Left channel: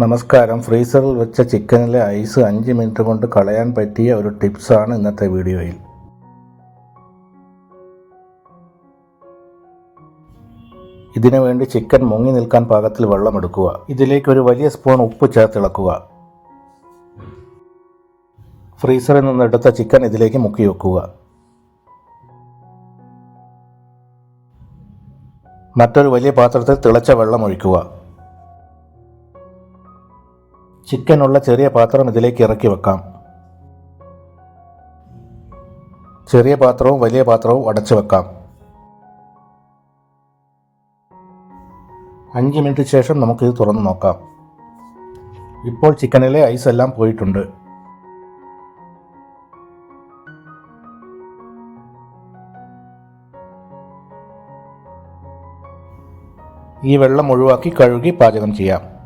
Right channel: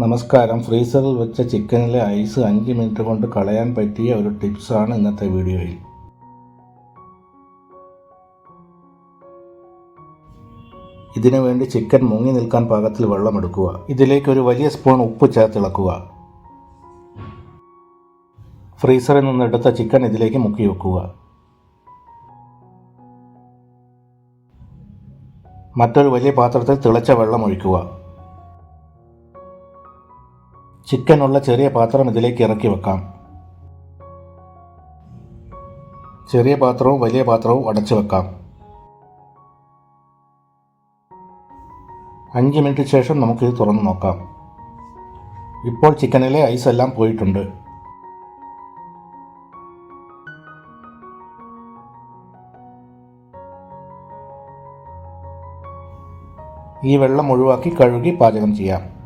നമസ്കാരം. ഫ്രീസറിൽ വെച്ച ചിക്കനിലെ ഐസ് അഞ്ച് മിനിറ്റ് കൊണ്ട് കളയാൻ പറ്റിയ ഒരു ടിപ്സാണ് ഇന്നത്തെ വീഡിയോയിൽ. ഇതിനു വേണ്ടി ചിക്കൻ മുങ്ങി നിൽക്കാൻ പാകത്തിൽ വെള്ളം എടുക്കുക ഇതിലേക്ക് ഒരു വലിയ സ്പൂൺ ഉപ്പ് ചേർത്തിളക്കുക. ഫ്രീസറിൽ നിന്നെടുത്ത ചിക്കൻ ഇതിലേക്ക് മുക്കി വെക്കുക. മറ്റൊരു വലിയ പാത്രത്തിൽ തിളച്ച വെള്ളം ഒഴിക്കുക. ചിക്കനുള്ള ചെറിയ പാത്രം ഇതിലേക്ക് ഇറക്കി വെക്കാം. ചെറിയ പാത്രവും വലിയ പാത്രവും അടച്ചു വെക്കാം. അഞ്ച് മിനിറ്റ് ശേഷം നമുക്കിത് തുറന്നു നോക്കാം. ഇപ്പോൾ ചിക്കനിലെ ഐസ് എല്ലാം പോയിട്ടുണ്ട്. ഈ വെള്ളം ഒഴിവാക്കി കഴുകി പാചകം ചെയ്യാം.